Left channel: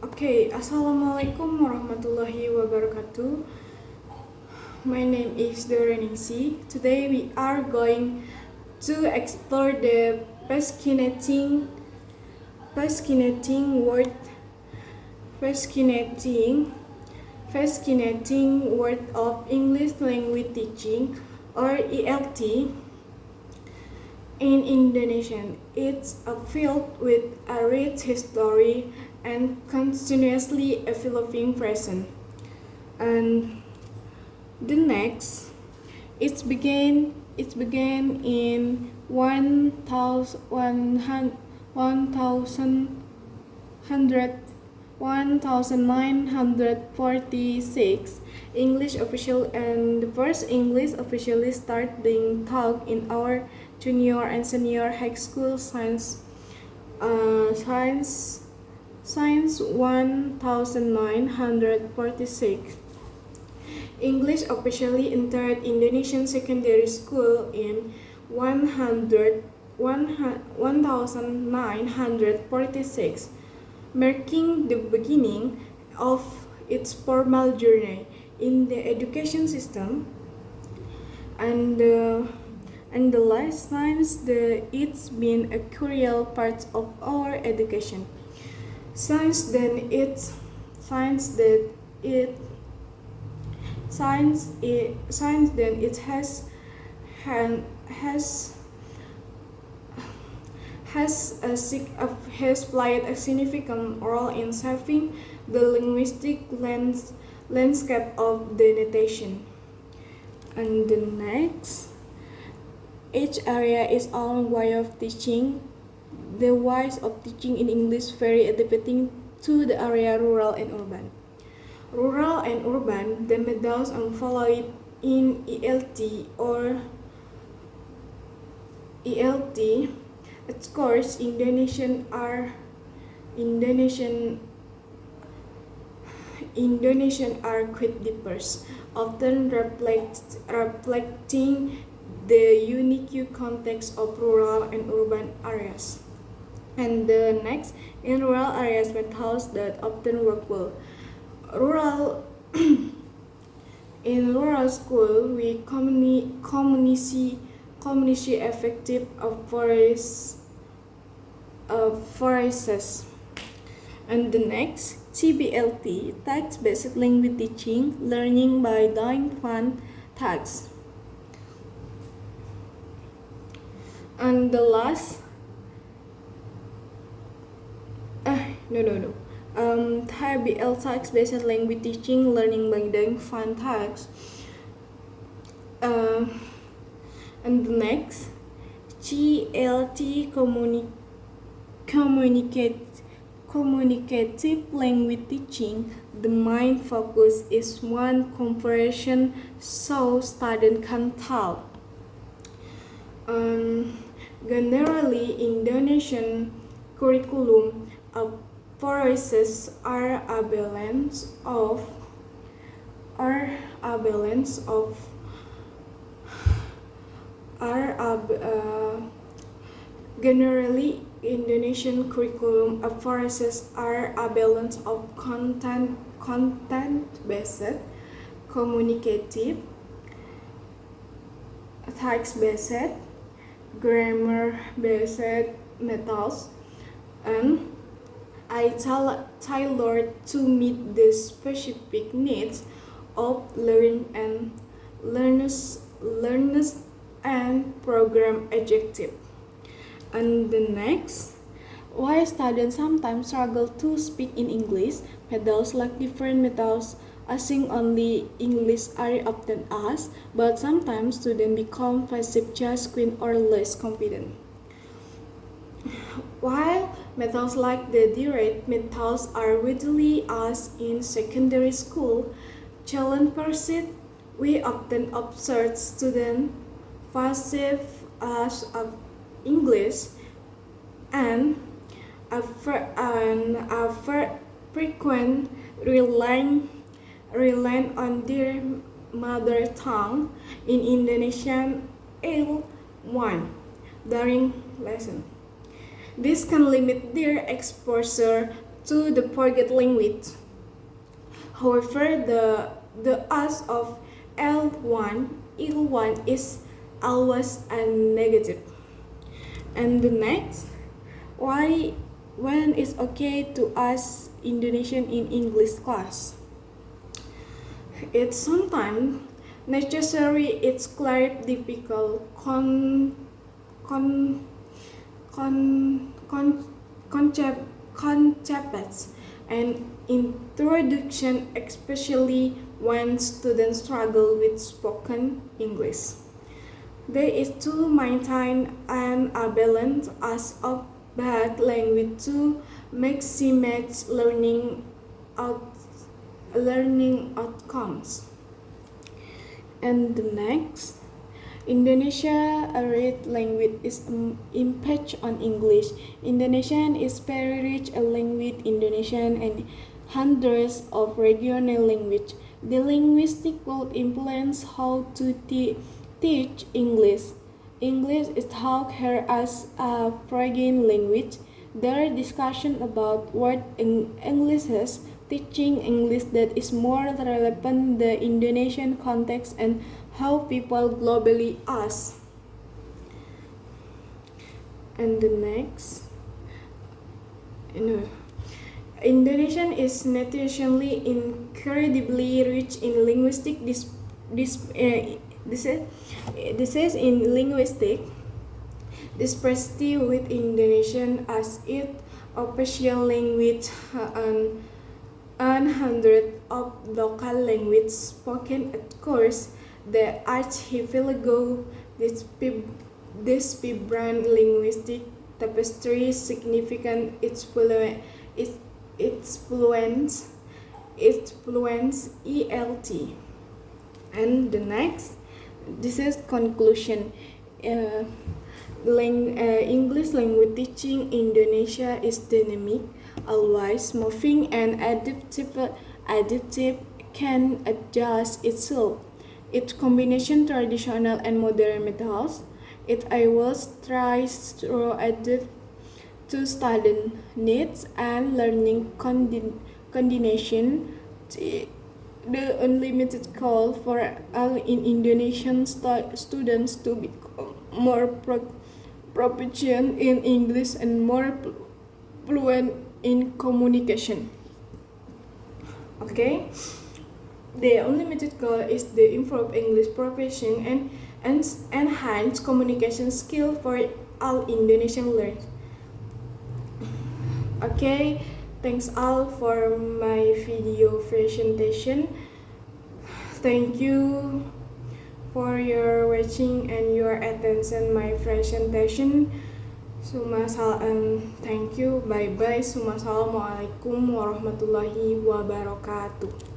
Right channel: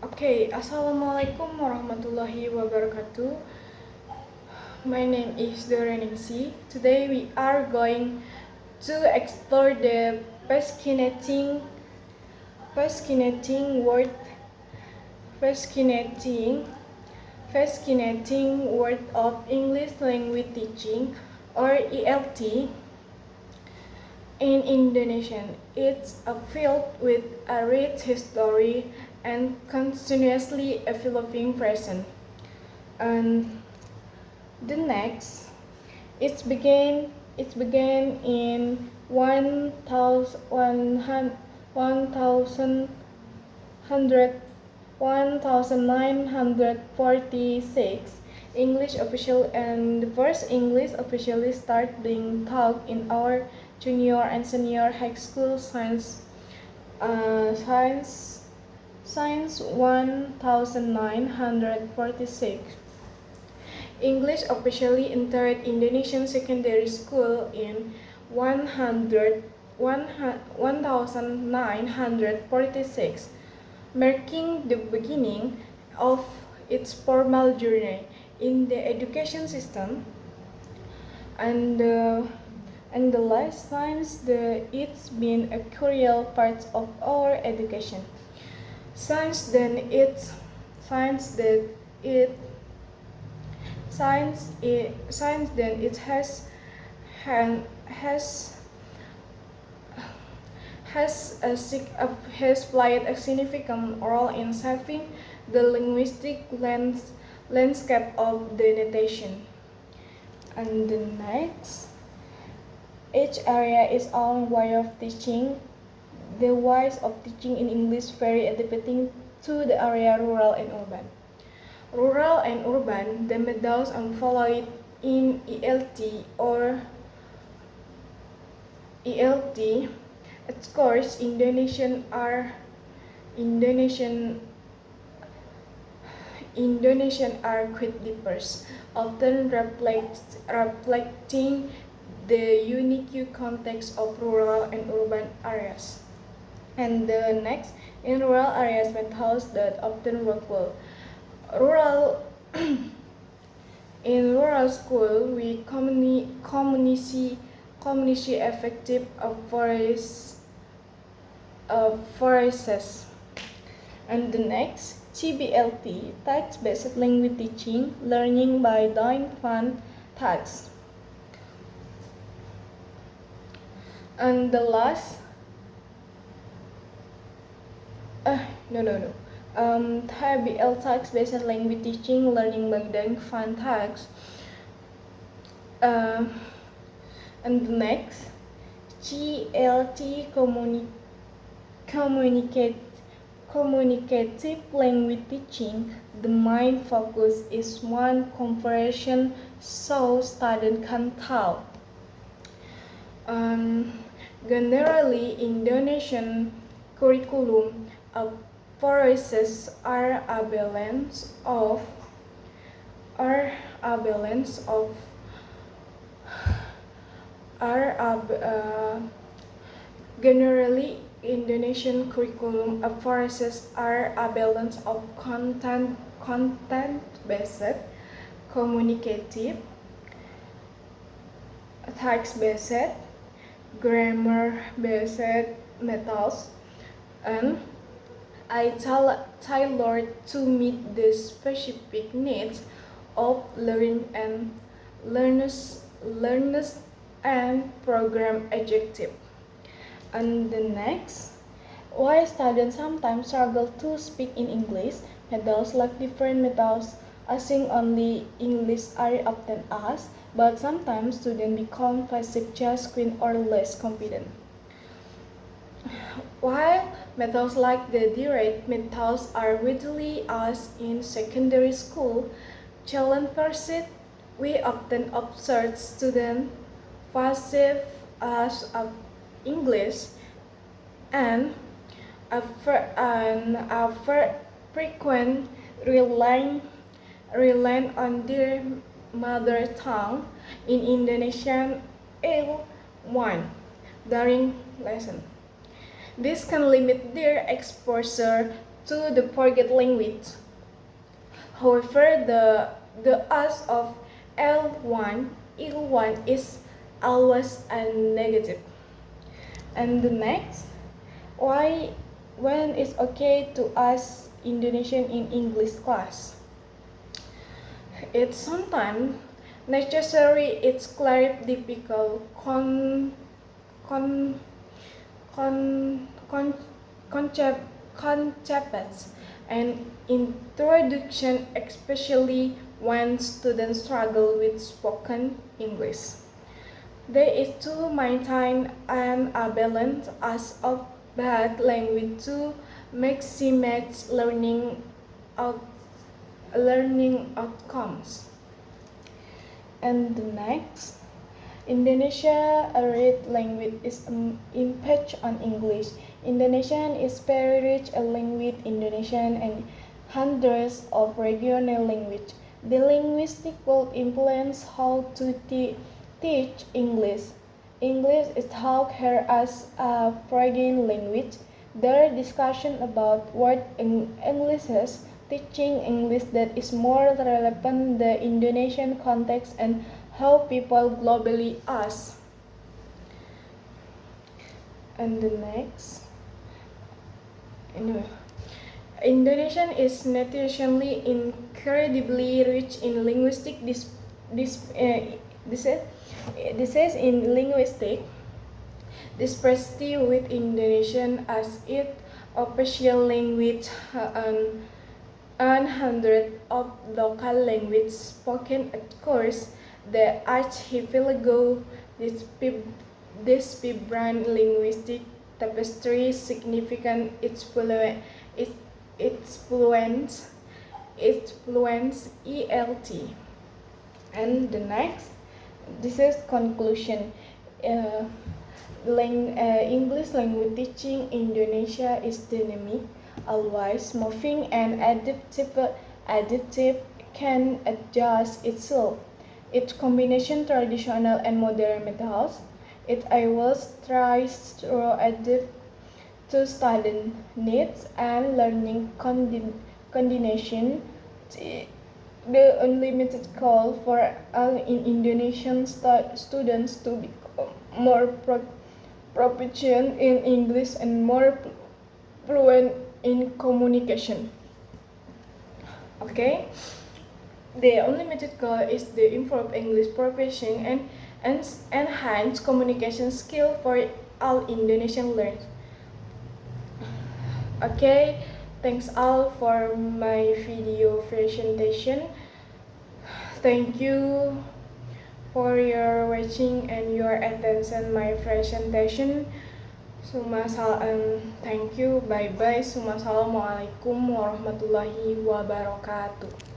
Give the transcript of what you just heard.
Okay, Assalamualaikum warahmatullahi wabarakatuh. My name is Doreningsi. Today we are going to explore the fascinating word fascinating fascinating world of English language teaching or ELT in Indonesian. It's a field with a rich history and continuously evolving present. And the next, it began in 1946 English official, and the first English officially started being taught in our junior and senior high school science 1946. English officially entered Indonesian secondary school in 1946, marking the beginning of its formal journey in the education system. And the life science, it's been a crucial part of our education. Science then it science that it science then it han- has played a significant role in shaping the linguistic landscape of the nation. And the next, each area is own way of teaching. The ways of teaching in English vary adapting to the area rural and urban. Rural and urban, the methods followed in ELT. Of course, Indonesian are quite diverse, often reflecting the unique context of rural and urban areas. And the next, in rural areas, methods that often work well. Rural In rural school, we community effective forests. And the next, TBLT, text-based language teaching, learning by doing fun tasks. And the last, TBL text-based language teaching, learning by doing fun tasks. And the next, GLT communicative language teaching. The main focus is one comparison so students can tell. Generally, Indonesian curriculum processes are a balance of generally Indonesian curriculum processes are a balance of content-based, communicative, text-based, grammar-based methods, and tailored to meet the specific needs of learners and program objective. And the next, why students sometimes struggle to speak in English. Methods like different methods asking only English are often asked, but sometimes students become passive, just quiet or less confident. While methods like the direct methods are widely asked in secondary school, challenge persists. We often observe students passive as of English and a frequent relying on their mother tongue in Indonesian L1 during lesson. This can limit their exposure to the forget language. However, the us of L1 is always a negative. And the next, why when it's okay to ask Indonesian in English class? It's sometimes necessary. It's clear difficult con, concepts and introduction, especially when students struggle with spoken English. There is to maintain a balance as of bad language to maximize learning outcomes. And the next, Indonesia a rich language is impact on English. Indonesian is very rich a language Indonesian and hundreds of regional language. The linguistic will influence how to teach English. English is taught here as a foreign language. There are discussion about what English is, teaching English that is more relevant the Indonesian context and how people globally ask. And the next, Indonesian is naturally incredibly rich in linguistic this is in linguistic diversity with Indonesian as its official language and hundreds of local languages spoken across the archipelago. This vibrant linguistic tapestry significant its fluence ELT. And the next, this is conclusion. English language teaching Indonesia is dynamic, always moving and adaptive, can adjust itself. Its combination traditional and modern methods. It always tries to adapt to student needs and learning condition. The unlimited call for all in Indonesian students to become more proficient in English and more fluent in communication. Okay, the unlimited goal is to improve English proficiency and enhance communication skill for all Indonesian learners. Okay, thanks all for my video presentation. Thank you for your watching and your attention my presentation. Thank you. Bye bye. Assalamualaikum warahmatullahi wabarakatuh.